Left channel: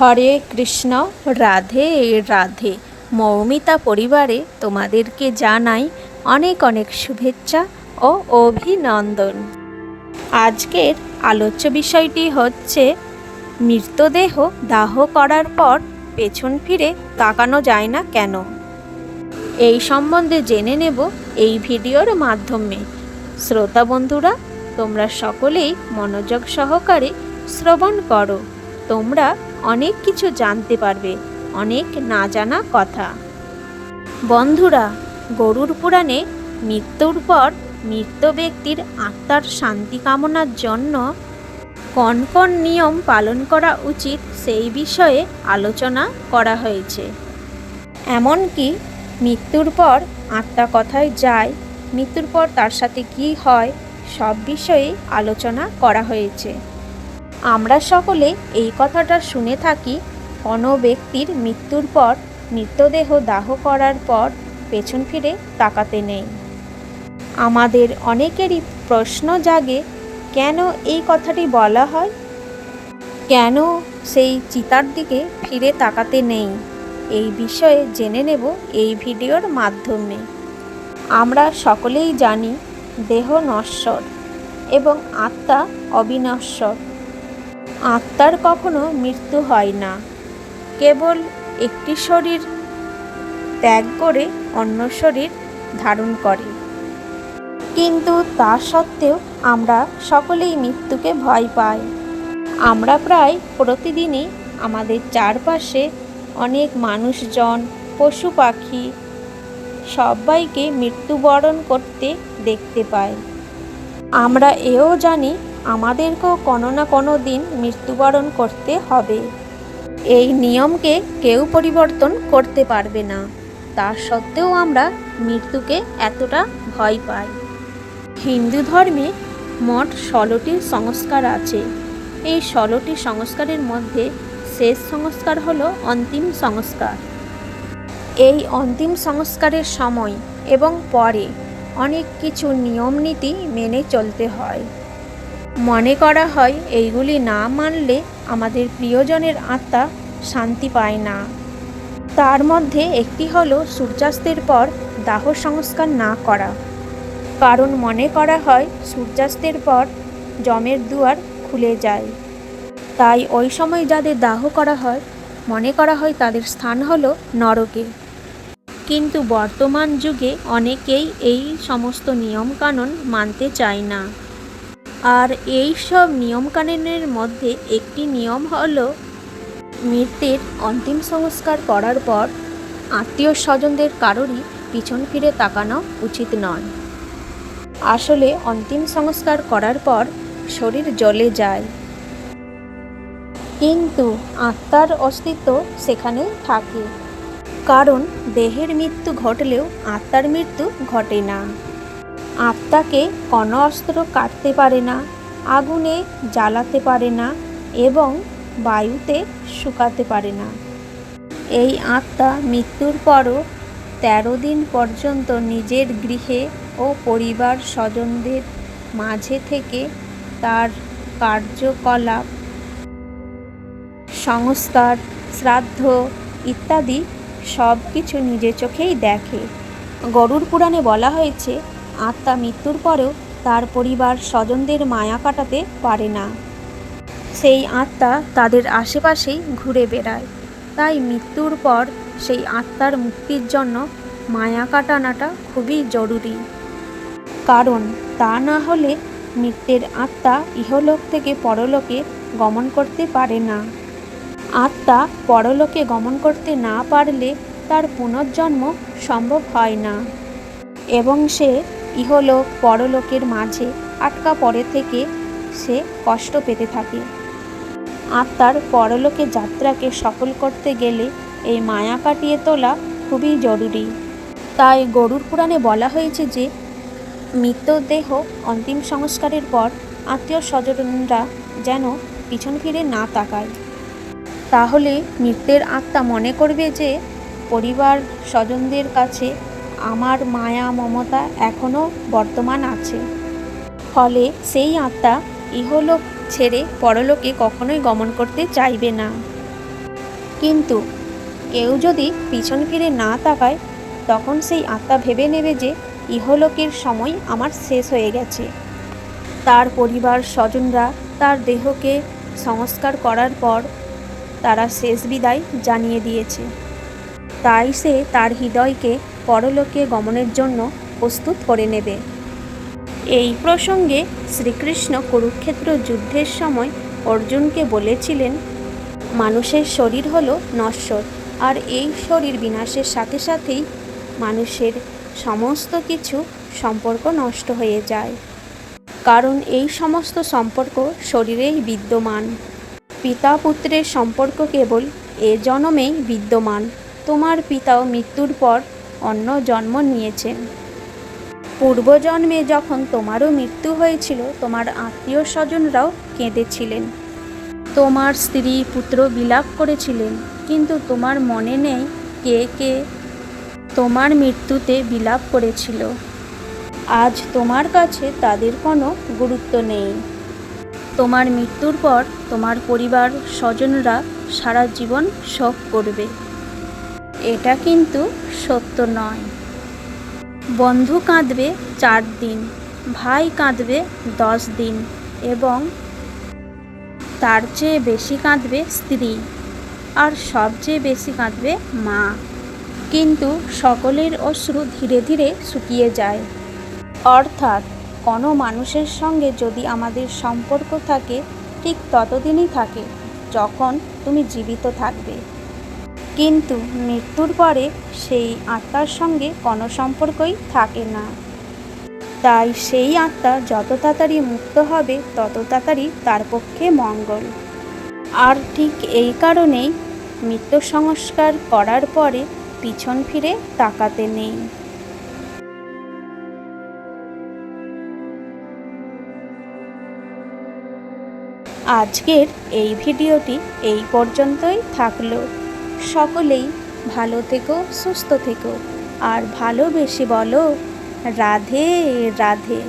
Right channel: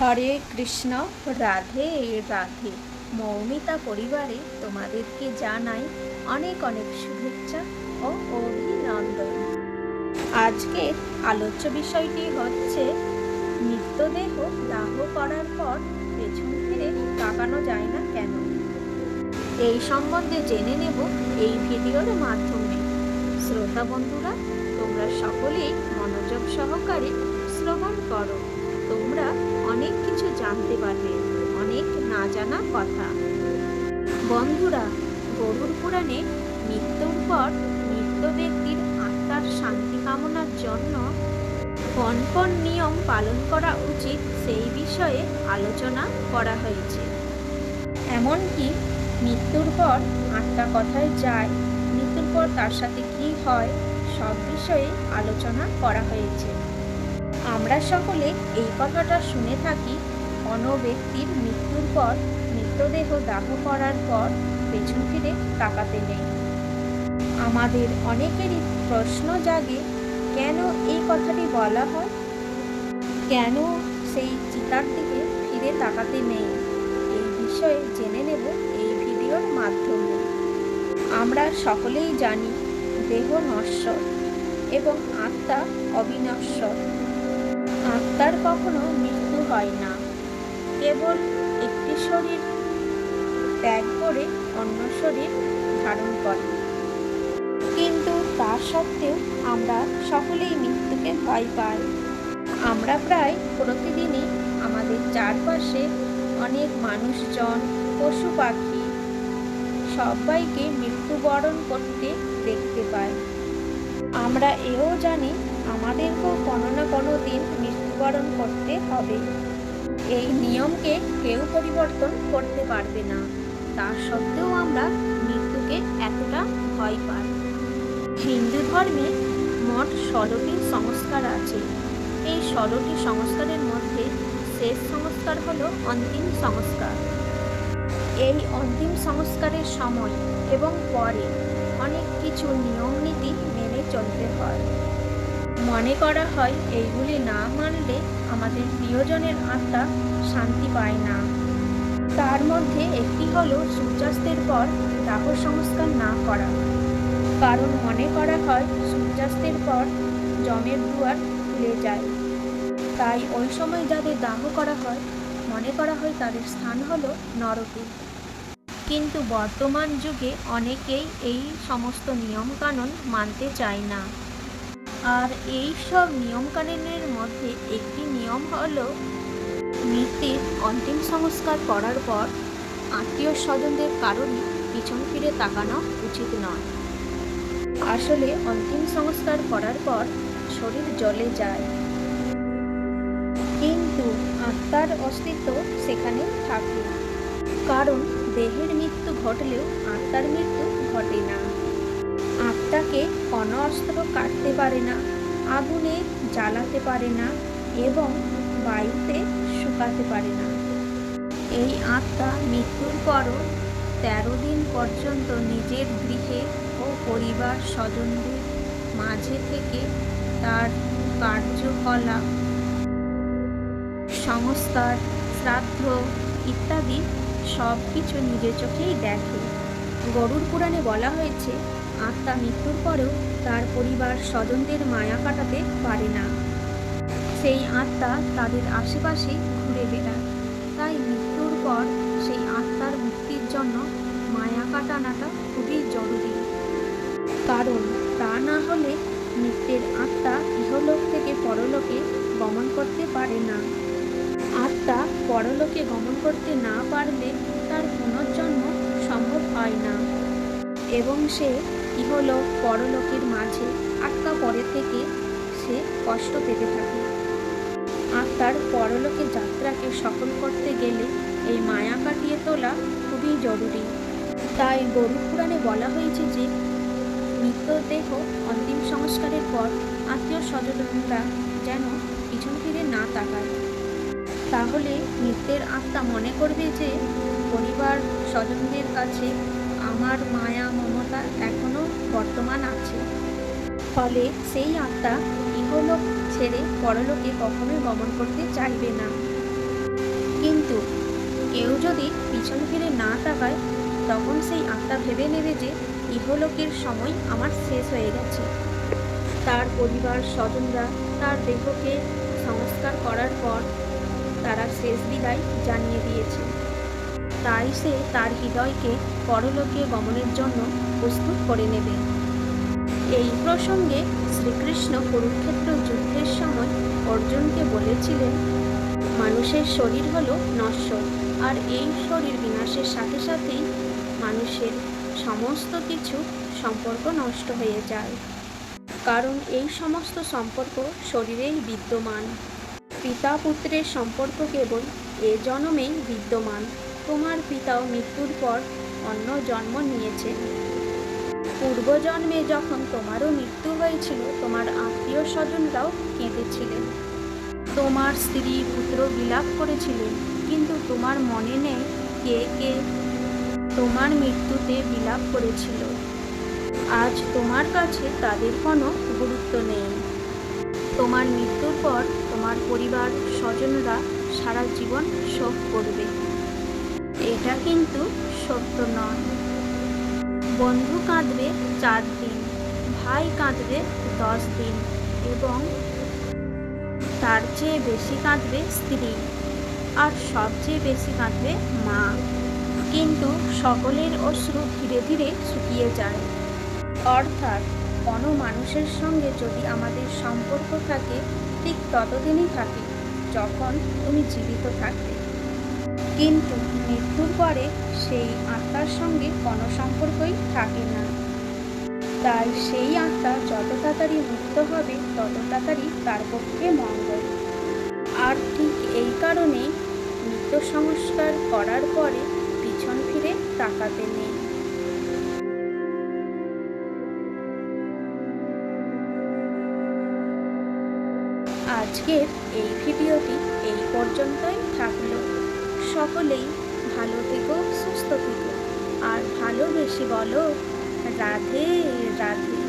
হরে কৃষ্ণ, রাধে রাধে। মৌমিতা পরিবারে তোমাদেরকে জানাই অনেক অনেক শুভেচ্ছা ও অভিনন্দন। আজকের আলোচ্য বিষয়টি হচ্ছে, মৃতদেহ দাহ করার পর পেছন ফিরে তাকানো যায় না কেন? এই সম্বন্ধে জেনে নেব এই ভিডিওর মাধ্যমে। শ্রোতা বন্ধুরা, তোমরা সকলেই মনোযোগ সহকারে শ্রবণ করো। তোমরা অনেক কিছু জানতে পারবে, অনেক না জানা কথা। বন্ধুরা, গরুর পুরাণে মৃত্যুর পর মৃত ব্যক্তির আত্মার শান্তি কামনার জন্য কোন কোন নিয়ম পালন করা উচিত সেই বিষয়ে আলোচনা করা হয়েছে। এমনকি মৃত্যুর পর আত্মা কথায় যায়, মৃত্যুর পর তার সাথে কি হয়, সব বিষয়ে আলোচনা করা হয়েছে। আমরা সকলে এই কথাটা শুনে থাকি, কোনো ব্যক্তির মৃত্যুর পর মৃতদেহ দাহ করার পর পেছন ফিরে তাকাতে নেই। আমাদের অনেকেরই প্রশ্ন জাগে, কেন এই কথাটি বলা হয়? কেন সেই চিতার দিকে ফিরে তাকাতে নেই? এই বিষয়ে জেনে নেব এই ভিডিওর মাধ্যমে। আমরা সকলেই জানি, দেহ নশ্বর এবং আত্মা অবিনশ্বর। আত্মার কখনো মৃত্যু হয় না। কেবল একটি শরীর ত্যাগ করে অন্য শরীর ধারণ করে। কিন্তু তা সত্ত্বেও আমরা সকলেই মৃত্যুকে ভয় পাই। আমরা প্রায় প্রতিদিনই আমাদের চারপাশে অনেক মানুষজন, পশু পাখি সবাইকে মৃত্যুবরণ করতে দেখতে পাই। আমরা এও জানি আমাদেরকেও কোনো না কোনো দিন মৃত্যুবরণ করতে হবে। এই নিয়মকে কেউ পরিবর্তন করতে পারবে না। তা সত্ত্বেও আমরা মৃত্যুকে এতটা ভয় পাই। হিন্দু ধর্মে মোট ষোলোটি সংস্কার আছে। এই ষোলোটি সংস্কারের মধ্যে শেষ সংস্কার হলো অন্তিম সংস্কার। এই অন্তিম সংস্কারের সময় এবং পরে অনেক কিছু নিয়ম নীতি মেনে চলতে হয়। মনে করা হয় এইগুলি না মানলে আমাদের প্রিয়জনের আত্মা শান্তি পায় না। তার মধ্যে একটি হলো সূর্যাস্তের পর দাহ সংস্কার না করা। কারণ মনে করা হয় সূর্যাস্তের পর জমের দুয়ার খুলে যায়। তাই ওই সময় যাদের দাহ করা হয়, মনে করা হয় তাদের স্থান হলো নরকে। কিন্তু বর্তমান যুগে অনেকেই এই সমস্ত নিয়মকানুন মানতে চায় না। আর এই সব নিয়মকানুনের মধ্যে একটি নিয়ম হলো মৃতের অন্তিম সংস্কার করার পর আত্মীয় স্বজনদের কারোরই পিছন ফিরে তাকানো উচিত নয়। আসলে অন্তিম সংস্কার করার পর শরীর জ্বলে যায়। কিন্তু আত্মার অস্তিত্ব সেখানে থাকে। কারণ দেহের মৃত্যু ঘটলেও আত্মার মৃত্যু ঘটে না। আত্মাকে কোনো অস্ত্র কাটতে পারে না, আগুনে জ্বালাতে পারে না এবং বায়ুতে শুকাতে পারে না। এই আত্মা মৃত্যুর পরও তেরো দিন পর্যন্ত নিজের গৃহে ও পরিবার স্বজনদের মাঝে থেকে তার কার্যকলাপ, সংস্কার, শ্রাদ্ধ ইত্যাদি সব কিছু নিজের চোখেই দেখে। গরুর পুরাণে বলা হয়েছে আত্মা মৃত্যুর পরেও তার পরিবার স্বজনদের মায়া কাটাতে পারে না। সেই আত্মা তাদের আশেপাশেই ঘুরে বেড়ায়। তাই মৃত্যুর পর সেই আত্মার মুক্তির জন্য মায়া কাটানোটা খুবই জরুরি। কারণ তা না হলে মৃত্যের আত্মা ইহলোক থেকে পরলোকে গমন করতে পারে না। আত্মা পরলোকে গমন করতে না পারলে তার পুনর্জন্ম সম্ভব হয় না। এবং সে ইহলোক পরলোকের মাঝে আটকা পড়ে থেকে সে কষ্ট পেতে থাকে। আত্মার পরলোকে যাত্রাকে সফল করতে গেলে এই মায়া কাটিয়ে তোলা খুবই জরুরি। তাই গরুর পুরাণে বলা হয়েছে যে, মৃতদেহ অন্তিম সংস্কারের পর আত্মীয় স্বজনরা যেন পিছন ফিরে না তাকায়। তাহলে মৃতের আত্মা মনে করবে যে, পরিবার স্বজনদের কাছে আমার মায়া মমতা এখনও বর্তমান আছে। ফলে সেই আত্মা ইহলোক ছেড়ে পরলোকে কখনোই গমন করতে চাইবে না। কিন্তু কেউ যদি পিছন ফিরে না তাকায়, তখন সেই আত্মা ভেবে নেবে যে ইহলোকের সময় আমার শেষ হয়ে গেছে। তার পরিবার স্বজনরা তার দেহকে সংস্কার করার পর তারা শেষ বিদায় জানিয়ে দিয়েছে। তাই সে তার হৃদয়কে পরলোকে গমনের জন্য প্রস্তুত করে নেবে। এই প্রসঙ্গে শ্রীকৃষ্ণ কুরুক্ষেত্র যুদ্ধের সময় অর্জুনকে বলেছিলেন, মানুষের শরীর হলো নশ্বর, আর এই শরীর বিনাশের সাথে সাথেই মানুষের সমস্ত কিছু সম্পর্ক নষ্ট হয়ে যায়। কারণ এই সমস্ত সম্পর্ক শরীরেই বিদ্যমান। পিতা পুত্রের সম্পর্ক কেবল এ জন্মেই বিদ্যমান। তোমার পিতাও মৃত্যুর পর অন্য জন্ম নিয়েছেন পূর্বজন্মে যখন তোমারও মৃত্যু হয়েছিল, তোমার আত্মীয় স্বজনরাও কেঁদেছিলেন। তোমার স্ত্রী পুত্র বিলাপ করেছিলেন, কিন্তু তোমার মনে নেই কে কে তোমার মৃত্যুতে বিলাপ করেছিল। আজ তোমার কাছে তাদের কোনো গুরুত্ব নেই। তোমার মৃত্যুর পর তোমার পরিবার স্বজনরা সারা জীবন শোক করবে। এটা কিন্তু সত্য নয়। বন্ধু কাঁদবে চার দিন, ভাই কাঁদবে দশ দিন এবং তার চেয়ে বেশি কাঁদবে স্ত্রী আর সবচেয়ে বেশি কাঁদবে মা। কিন্তু সকলের অশ্রু ধীরে ধীরে শুকিয়ে যায়। অর্থাৎ কোনো মানুষের সঙ্গে যদি আমাদের সম্পর্ক থাকে, ঠিক ততদিনই থাকে যখন তুমি জীবিত থাকবে। কিন্তু মৃত্যুর পরে সেই আত্মার সঙ্গে কোনো সম্পর্কই থাকে না। তাই সেই আত্মা যত তাড়াতাড়ি মুক্ত হবে, তত তাড়াতাড়ি তার পক্ষে মঙ্গল। আর ঠিক এই কারণেই মৃত্যু সংস্কার করার পরে পিছন ফিরে তাকাতে নেই। আজকের এই ভিডিওটি এই পর্যন্তই থাকল। সকলেই ভালো থেকো সুস্থ থেকো। আর ভালোবেসে বলো রাধে রাধে।